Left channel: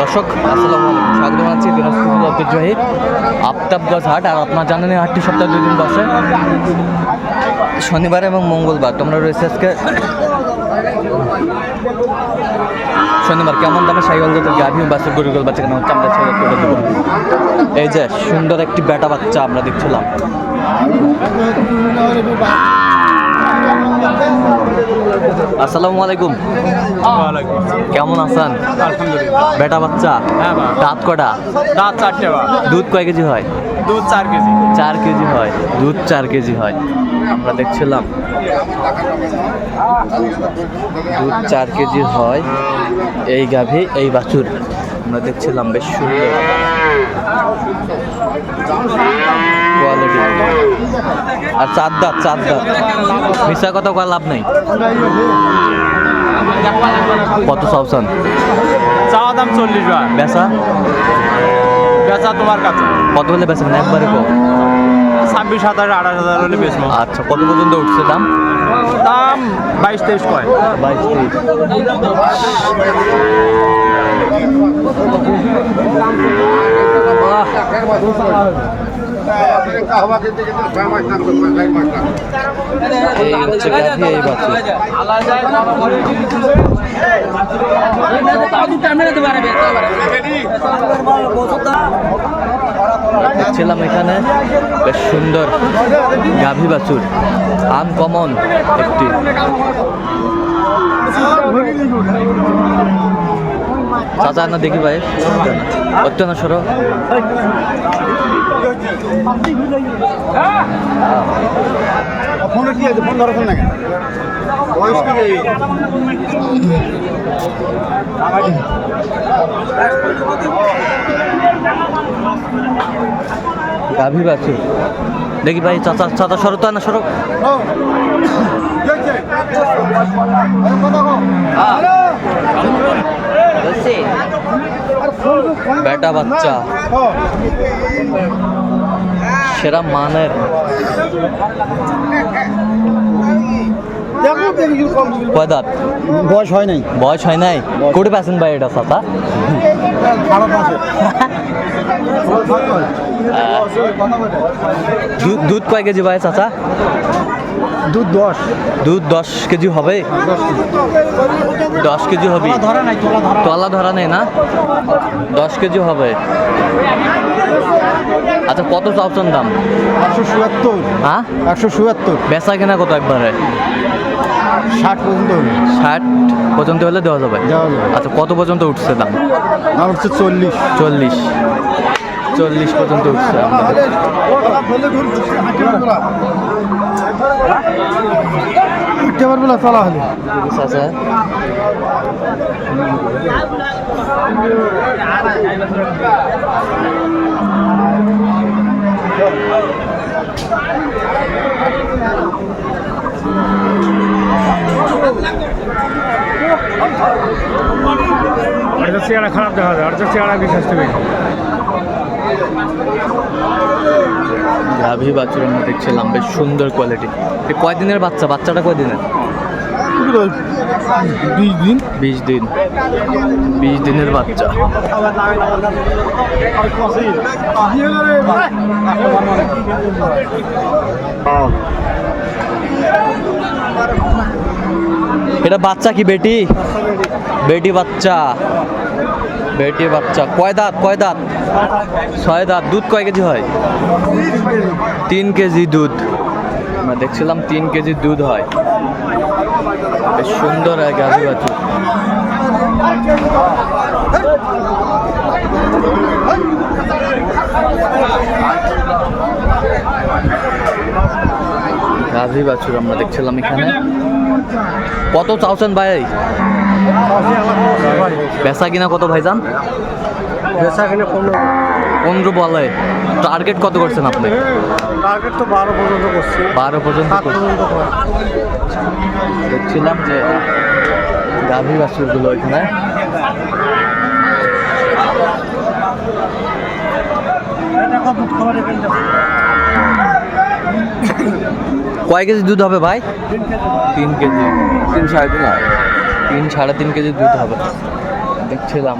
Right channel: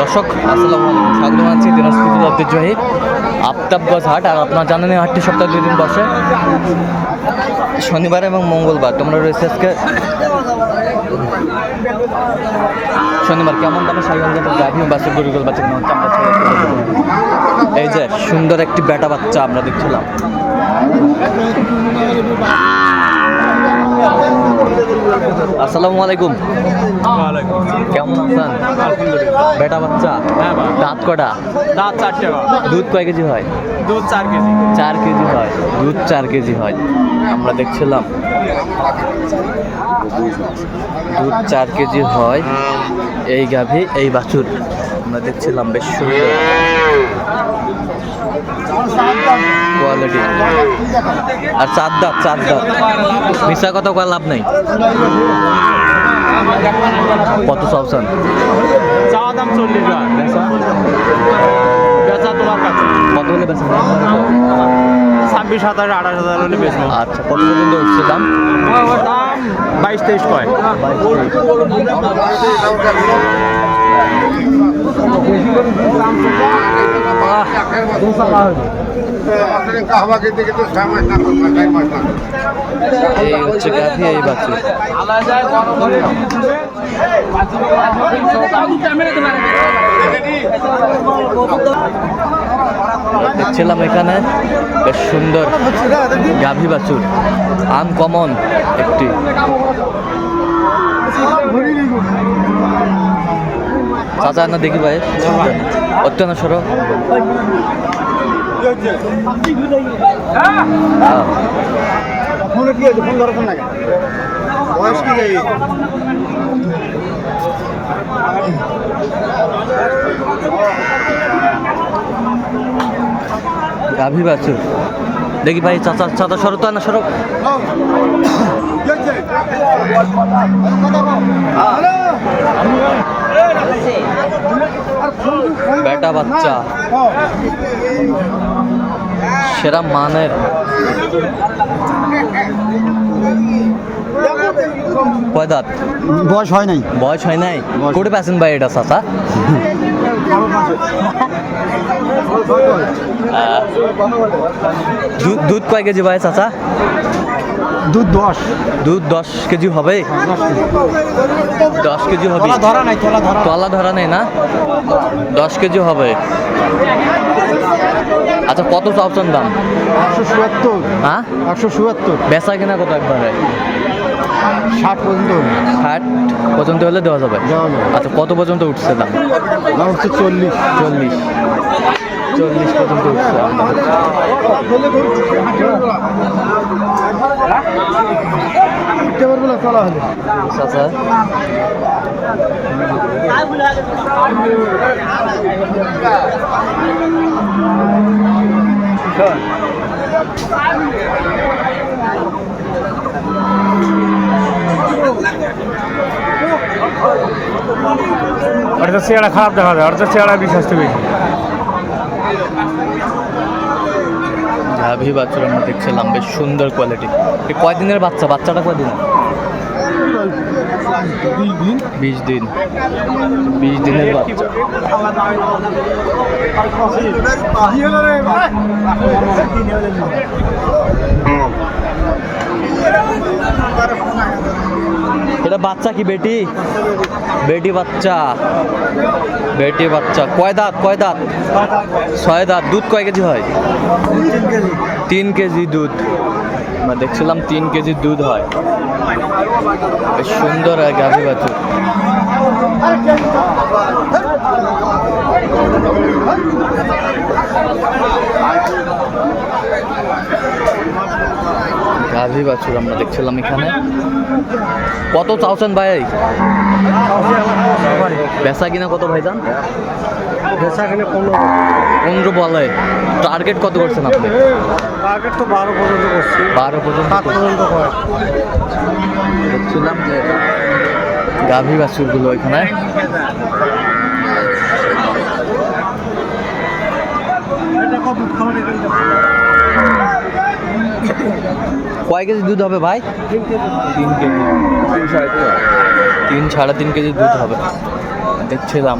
দর্শক, আসসালামু আলাইকুম। স্বাগত জানাচ্ছি দিনাজপুর ঐতিহ্যবাহী আফতাবগঞ্জ হাট আর আপনার জানেন এই হাটটি সপ্তাহে দুই দিন বসে। শনিবার এবং মঙ্গলবার, তোমরা রয়েছে আজকে। শনিবার, কেমন দামে সাইকেল গাড়ি ও বাসের গরুগুল বাচ্চা কেন এই যে সুন্দর একটি বেটা বাচ্চা আমরা দেখছিলাম। আসসালামু আলাইকুম। কেমন আছেন? বেটা বাচ্চা? হ্যাঁ দাঁত কটা? দাঁত চারটে দুধ কয় কেজি হয়? দুধ চার কেজি। চার কেজি হয়। দুধ চার কেজি হয়। আমরা দেখছিলাম। দুধ চার কেজি হয়। এই গাভী এই বাছুর। আমরা দেখছিলাম বেশ সুন্দর। কোয়ালিটি আর চার দাঁত চার দাঁত মিশা কথা কয় লাভ নেই। কত চাওছেন চাওয়া দাম চল্লিশ বা বেচা? বেচা তোমার কাছে। কত হলে বেচেন একবারে কো। ছাব্বিশ হাজার আঠাশ হাজার হলে বেচবো। আচ্ছা কত পর্যন্ত উঠছে দাম? দাম বাইশ তেইশ কয়। বাইশ এই হচ্ছে গাভী এই দেখছিলাম এখানে, বেশ সুন্দর গাভী বাছুর আনকমন একটি। চাচা, না দেখি ভাই, অত্যন্ত সরো ফোনে কি আছে ফোন ধরো ফোন লাগে বয়স কি রে? গাভী বাছুর দেখি ভাই চাচা চাচা সরো তো না সরো। বেটা বাচ্চা। সেরা মানের। কয় দাঁত বয়স হয় নাই। বয়স হয় নাই? কোটি পাচ্ছেন ভাই এটা চাচা। দুধ দুধ কয় কেজি ভাই চাচা? দুধ দশ। দুধ দশ কেজি হবে? দশ কেজি হবে। তোলা ধরা নেই না? দশ কেজি হবে। আচ্ছা কত চাওছেন দাম? একশো চুয়াত্তর। হ্যাঁ? একশো চুয়াত্তর। বেচা কেনা কত একবারে? ষাট পর্যন্ত ষাট পর্যন্ত হলে দেওয়া যাবে? আচ্ছা কত পর্যন্ত উঠছে দাম? দাম হচ্ছে চল্লিশ। চল্লিশ। চল্লিশ পর্যন্ত উঠছে আমাদের। উঠতে পারব না তোলা হলে। চাচা আর তো চেহারা খারাপ দেখা যায় আর তো চেহারা বিশ্বাস তুমি গাভী বাছুর আমরা দেখছিলাম, বেশ সুন্দর কোয়ালিটি কয়দিনের বাচ্চা? বাচ্চাটা কয়দিনের? দিন? বিশ দিন। বিশ দিনের বাচ্চা। এটা বাচ্চা কি, বেটি? বেটি বাচ্চা। বেটি বাচ্চা। কয় দাঁত কয় দাঁত? ছয় দাঁত। দুধ কয় কেজি হয়? তিন কেজি দুধ। আমরা দেখছিলাম তিন কেজি দুধ হয়। বেশ সুন্দর গাভী বাছুর গাভী বাছুর আমরা দেখছিলাম এখানে। কত চাওছেন ভাই? বেচা কিনা কত ভাইজান? বেচা কিনে পনেরো। পনেরো বলে। টার্গেট কত করছেন আপনি? টার্গেট তো বারো পর্যন্ত করছি। বারো পর্যন্ত দেখছিলাম যে গাভী বাছুরগুলো এখানে। কয় কেজি দুধ হবে ভাই? তিন কেজি। তিন সাড়ে তিন। তিন সাড়ে তিন কেজি দুধ হবে। দেখছিলাম।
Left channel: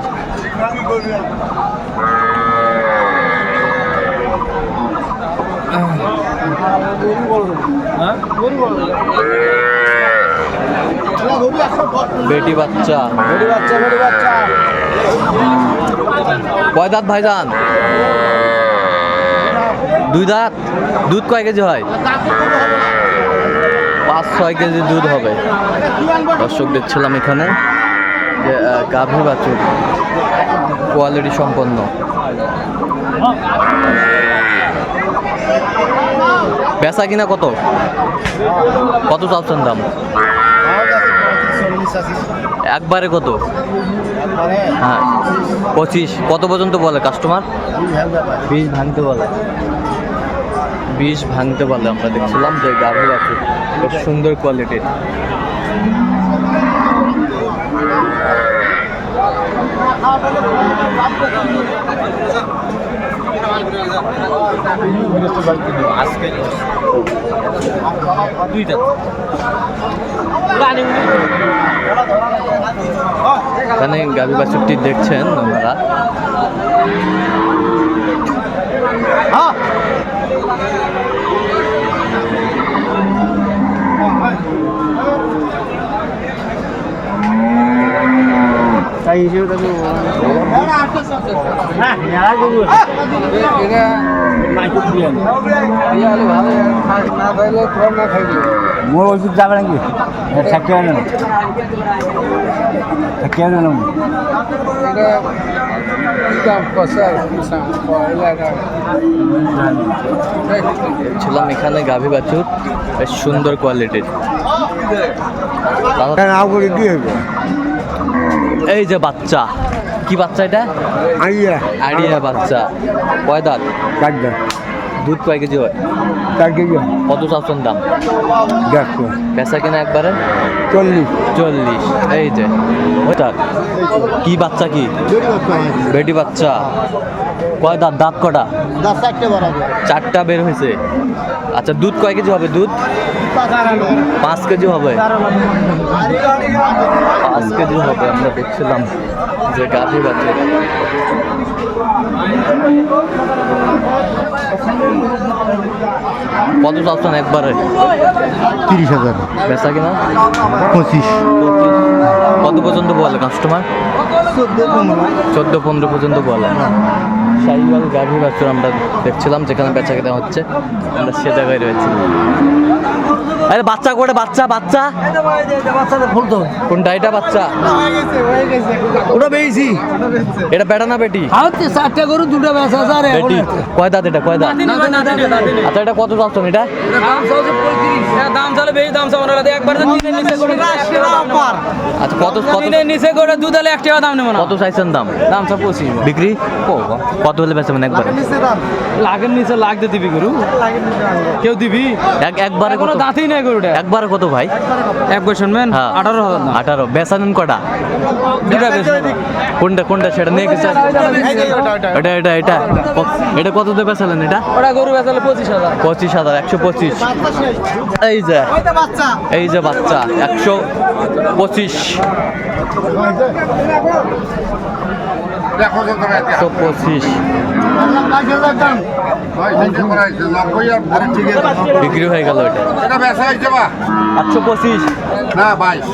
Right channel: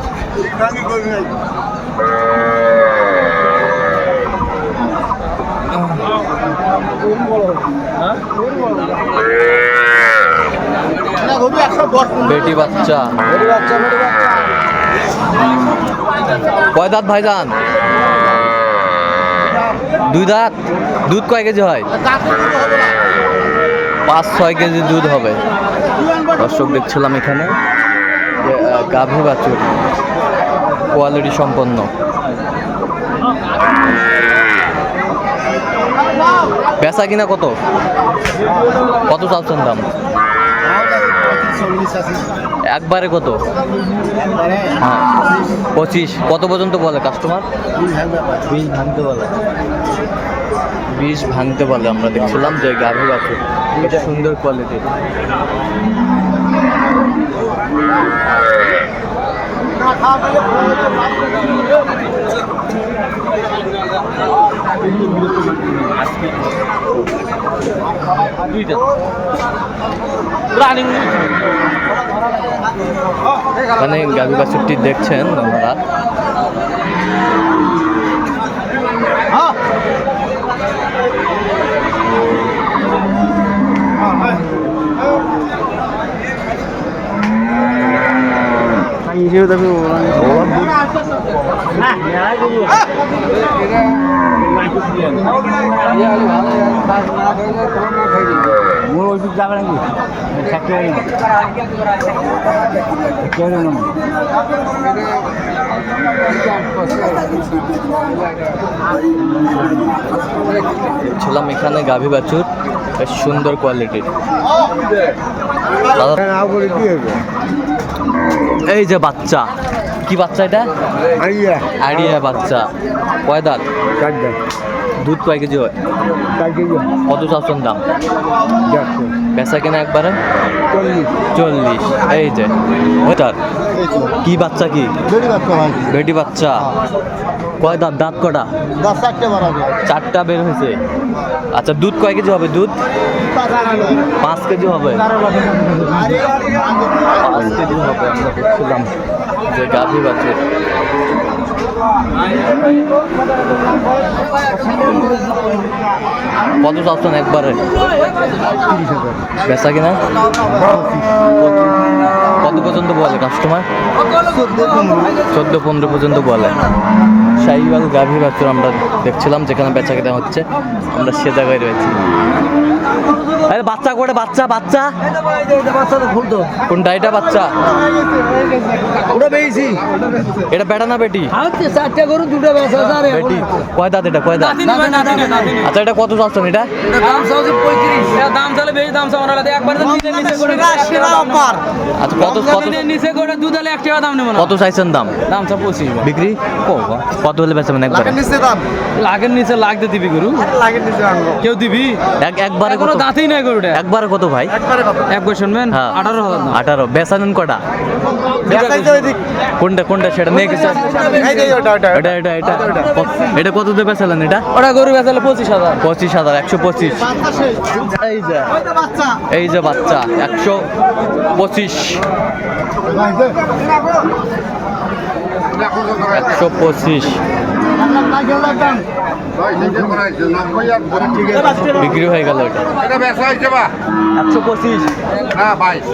বেটি বাচ্চা। কয় দাঁত ভাই ভাইজান? দুই দাঁত? দুধ কয় কেজি হয়? পাঁচ ছয় কেজি দুধ হবে। দর্শক দেখছিলাম এখানে গাভী বাছুর কোয়ালিটি সম্পন্ন। বেচা কিনা কত? কত চাচ্ছেন দাম একবারে কত? হ্যাঁ। পঁচিশ। কত পর্যন্ত বলে কাস্টমার বিষ ভাঙতে বলে। বিষ ভাঙতে বলে আমরা দেখছিলাম যে গাভী বাছুর বেশ সুন্দর কোয়ালিটির এখানে গাভী বাছুরটি দেখছেন ওনারা তাই হিসেবে মোর ওষুধ যাবে নাকি? থাকতে হবে না থাকতে হবে না দেখছিলাম এখানে গাভী বাছুর বেশ সুন্দর কোয়ালিটির দাদা এই যে বাচ্চা কি বাচ্চা এটা? আইয়া আইডিয়া বাচ্চা। কয় দাঁত চারটা দুধ কয় কেজি হয়? চার কেজি কত চাচ্ছেন দাম? দেড়শো। বেচা কিনা একবারে? চল্লিশ। চল্লিশ। এই যে ওটার কি বাচ্চা কি? বাচ্চা বেটি বাচ্চা। কয় দাঁত? দাঁত কটা? চারটে বের হয়েছে। আচ্ছা দুধ কয় কেজি হবে দুধ? পাঁচ কেজি হবে। পাঁচ কেজি হবে আমরা দেখছিলাম যে গাভী বাছুর। কত চাচ্ছেন একবারে। তিরিশ হাজার। বেচা কিনা? পঁচিশ। কত পর্যন্ত বলে কাস্টমার চোদ্দ পনেরো পর্যন্ত বলে। শাহিওয়াল গাভী বাছুর আমরা দেখছিলাম যেখানে বেচা কেনা হচ্ছে। আমরা সে জায়গায় রয়েছি। আরে বাচ্চা করে বাচ্চা বাচ্চা। কোনটা? এটা বাচ্চা। ওটা পেয়েছি এটা বেটা না বেটি? চারটে গরু দুটো বেটি। কয় দাঁত এটা? কয় দাঁত? আচ্ছা এটা কত চাচ্ছেন এটা দাম চালে বেশি দাম একবার আচ্ছা কত কত নিচে করে দুধ হলে এক টাকা দাম নেব না। কত চাইছেন দাম? দাম সব পঁচিশ। বিক্রি? কত হলে বেচবেন একবারে? লাখের নিচে দিবি গরু? কেউ দিবি? এক একবারে কোনো দাঁতই নাই গরুটা। একবারে কত ভাই? একবার শুনবেন? হ্যাঁ। আঠারো আঠারো। বেচানেন কটা? দুটা বেশি। কোনটা কোনটা সেটা নিয়ে গেছে এটা এটা এটা। এটা কত? দিয়ে বেচালেন এটা? ওটা গরু বেচালে পঁচিশ হাজার। পঁচিশ হাজার একশো পঁচিশ। এই যে। এই যে বাচ্চা একশো পঁচিশ। একশো পঁচিশ। বিক্রি হয়ে গেল এটা। একশো পঁচিশ। না বাইশ।